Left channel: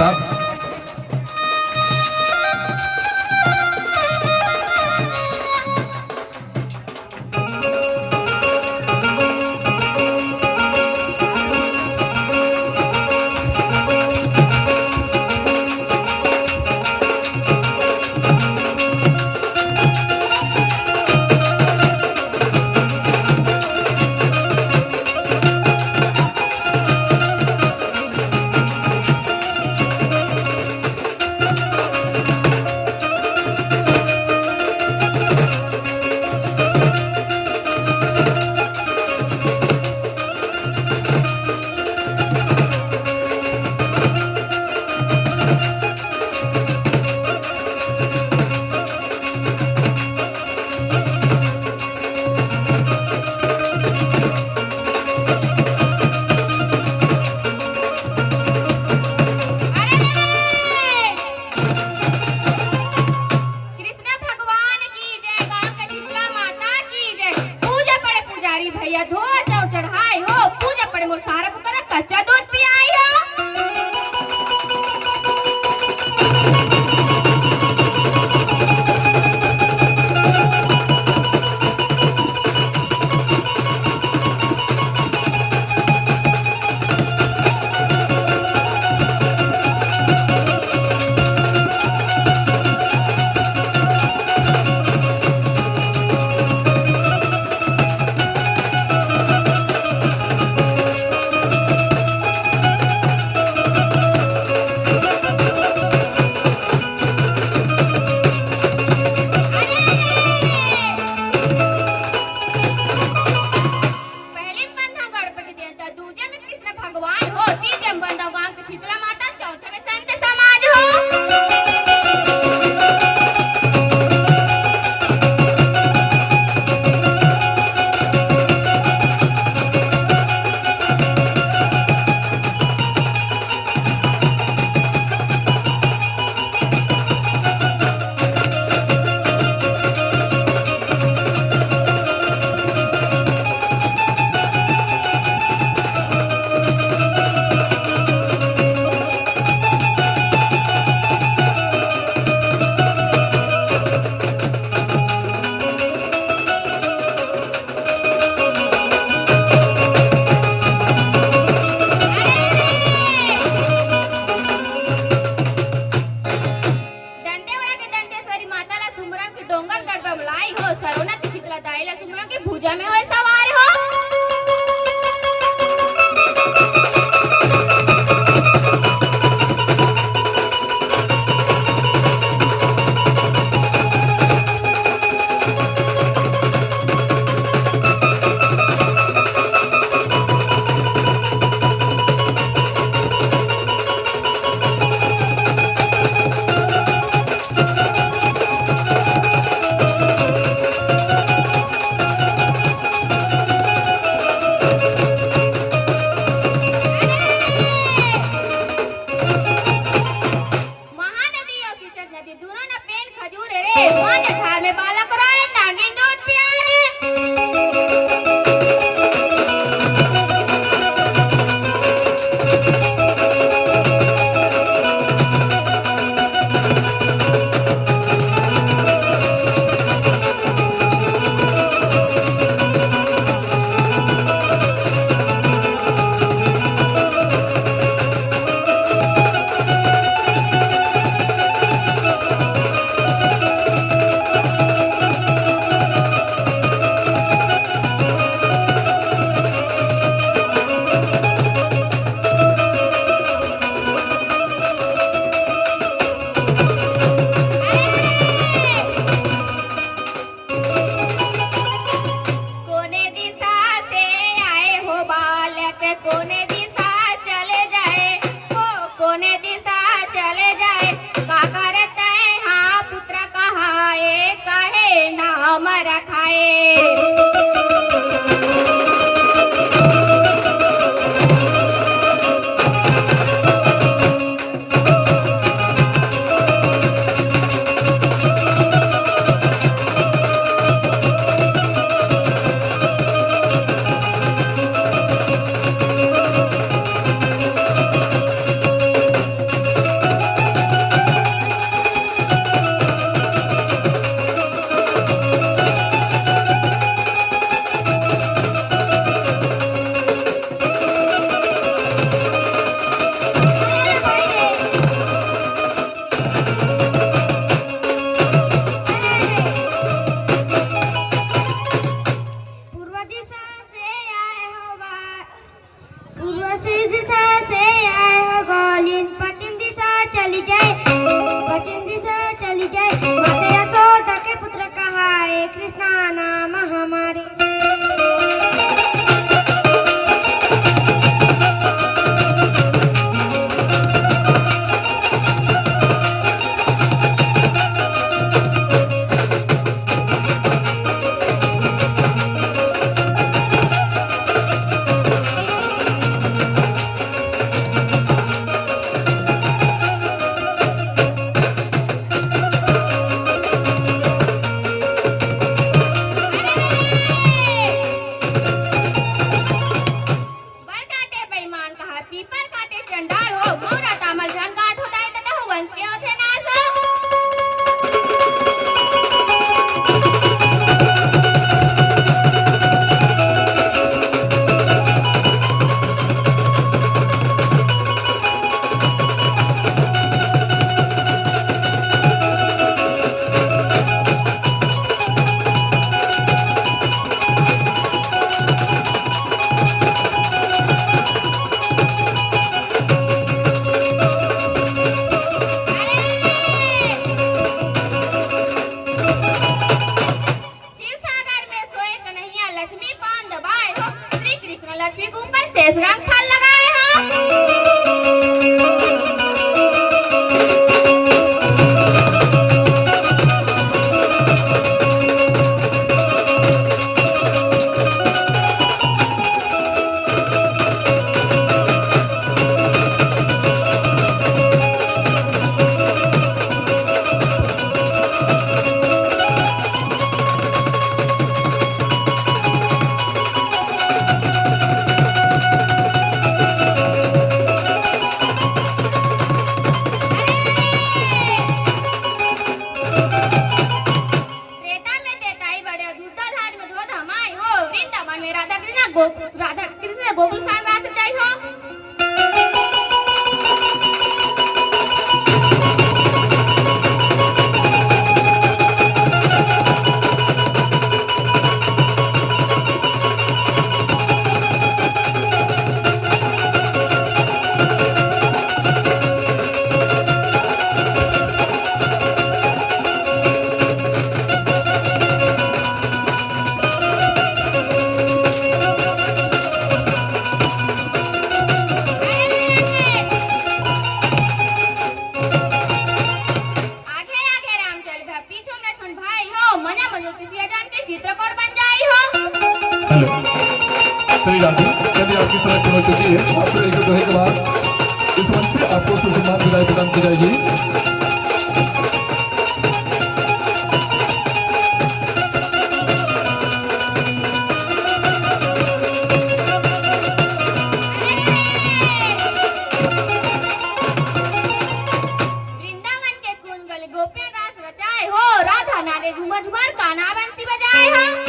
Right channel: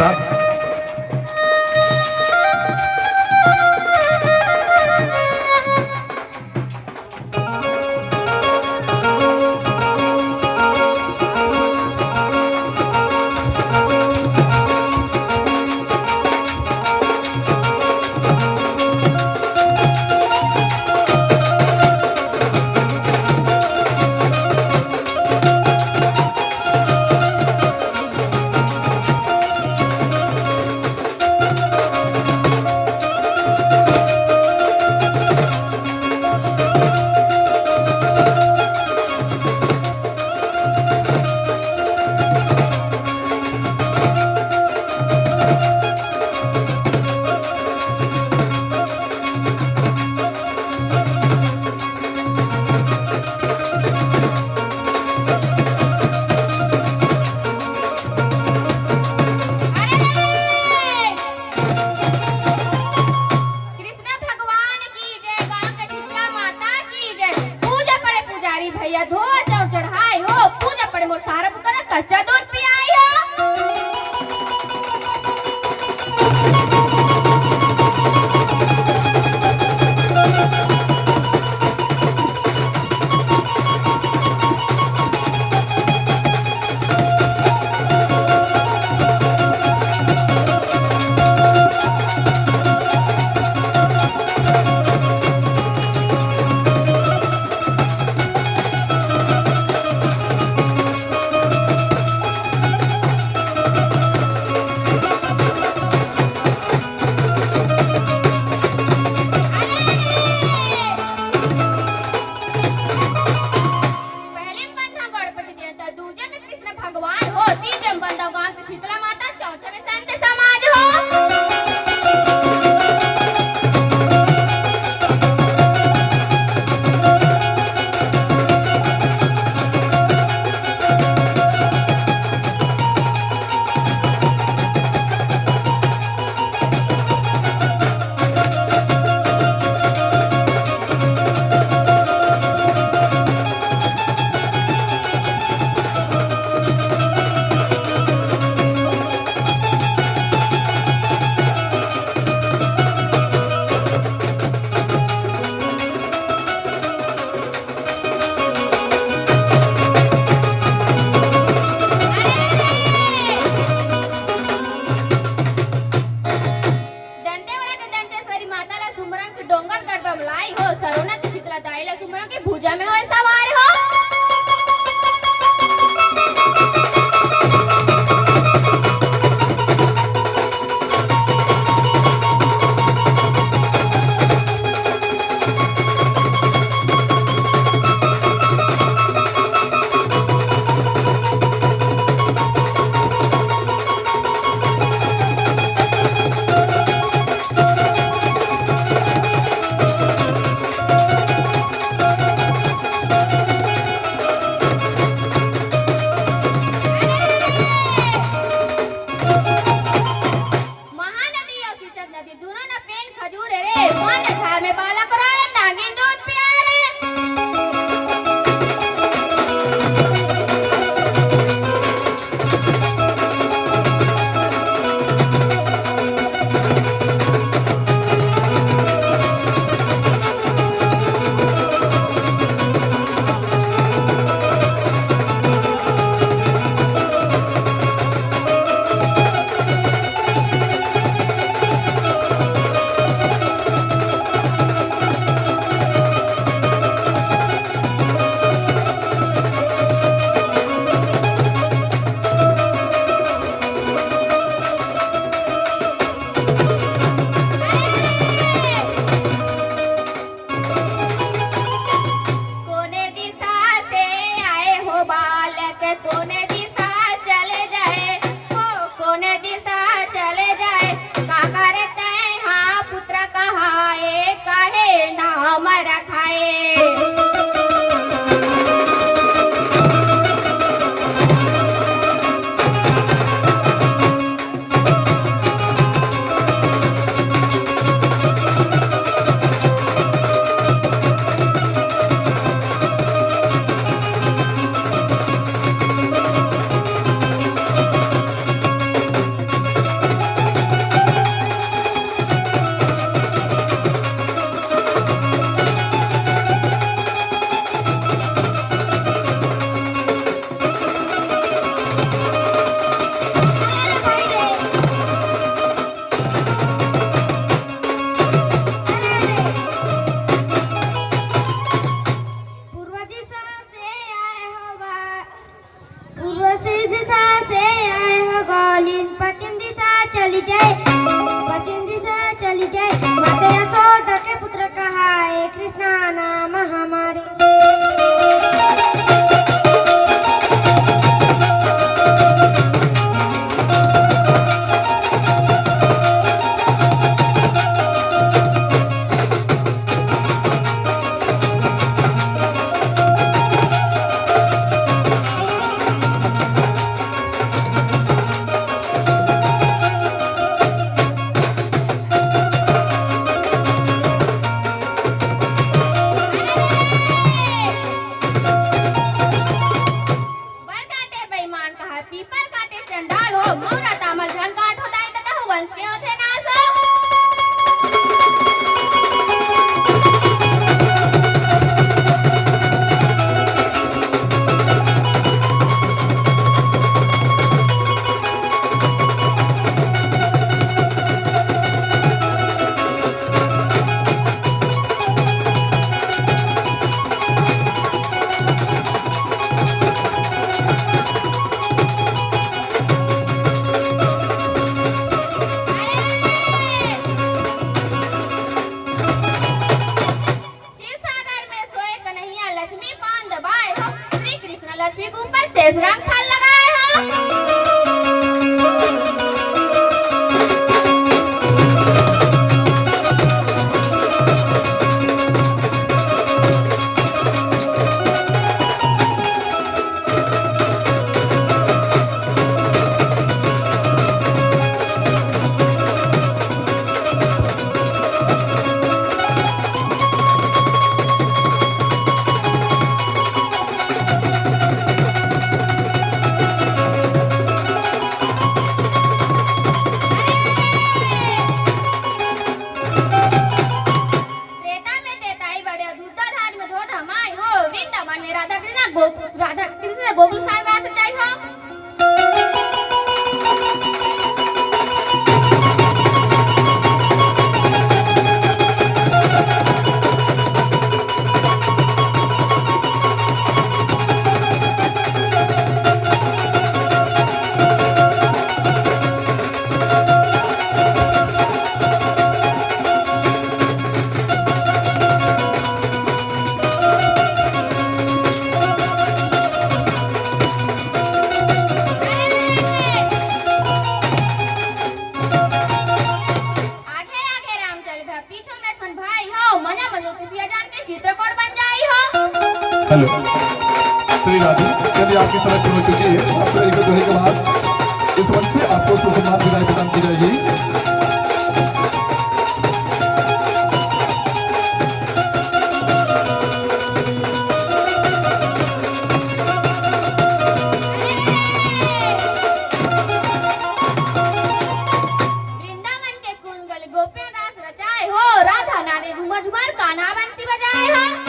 साहब। पचिंदी से चली जाए माता यशोदा के पुत्र कहाए कृष्णा नाम हमारे। पीपर काटे चंडाल हो मोरा तामल जान काट हो दाई तता हो वंश के होथे नासो। लक्ष्मी पान दबाए हो श्री कृष्ण लक्ष्मी के ऊपर शेष रंग फल लगाए हो। राधा कृष्ण गोकुल सांग रात चाहिए हो। चित्रकोट बन जाई हो। हेलो श्री राधे, यदि आपकी सिलेक्शन हो चुकी है आपको एक दोहे के बाद इस मंच से आपको सुसम्मान विदाई प्रदान की जाएगी। वृंदावन के कुंगल गोपी रास रचाए हो राधा नारे झूमर झूमर कान्हा बंसी बजाए हो।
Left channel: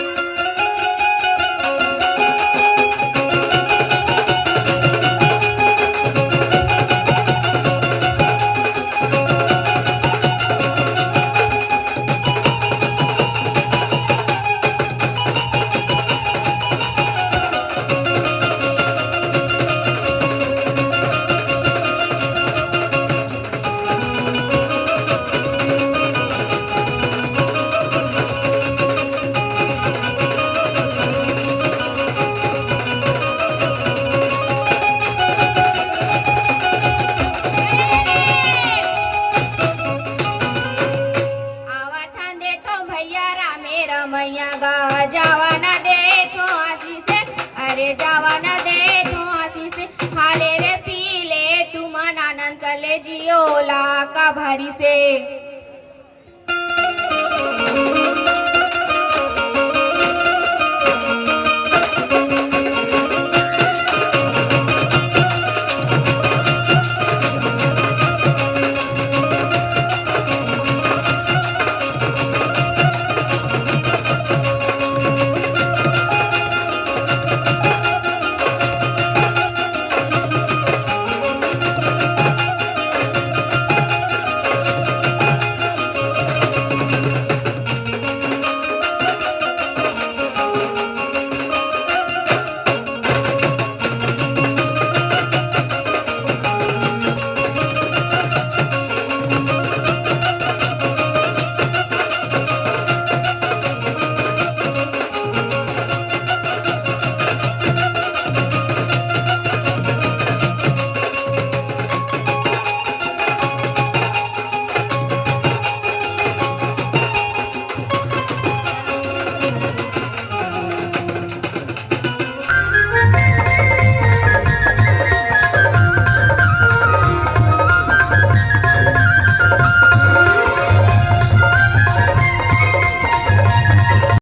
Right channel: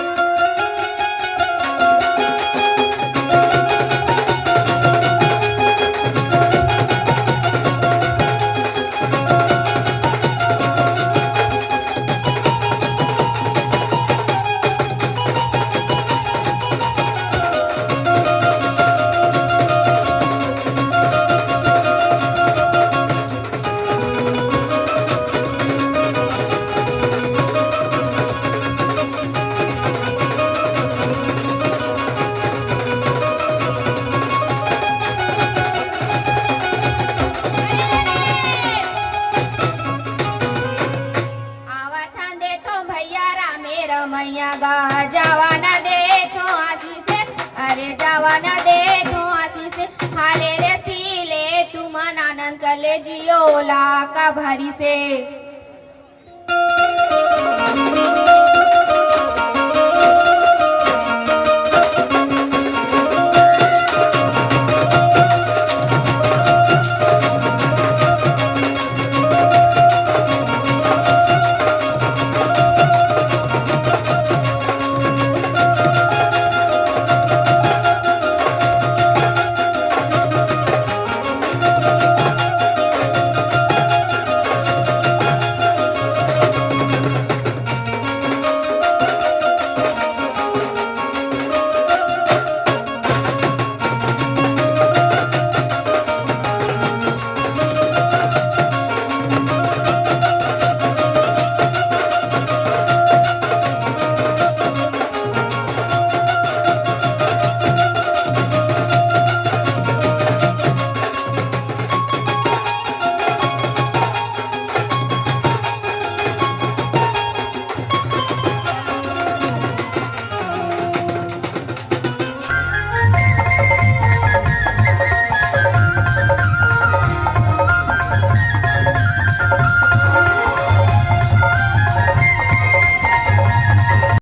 मैया गा जावा न दे तो हंसी से, अरे जावा न दे तो हंसी से, खाले रे पी ले तुम आनंद कर ले जियो ला का भारी से।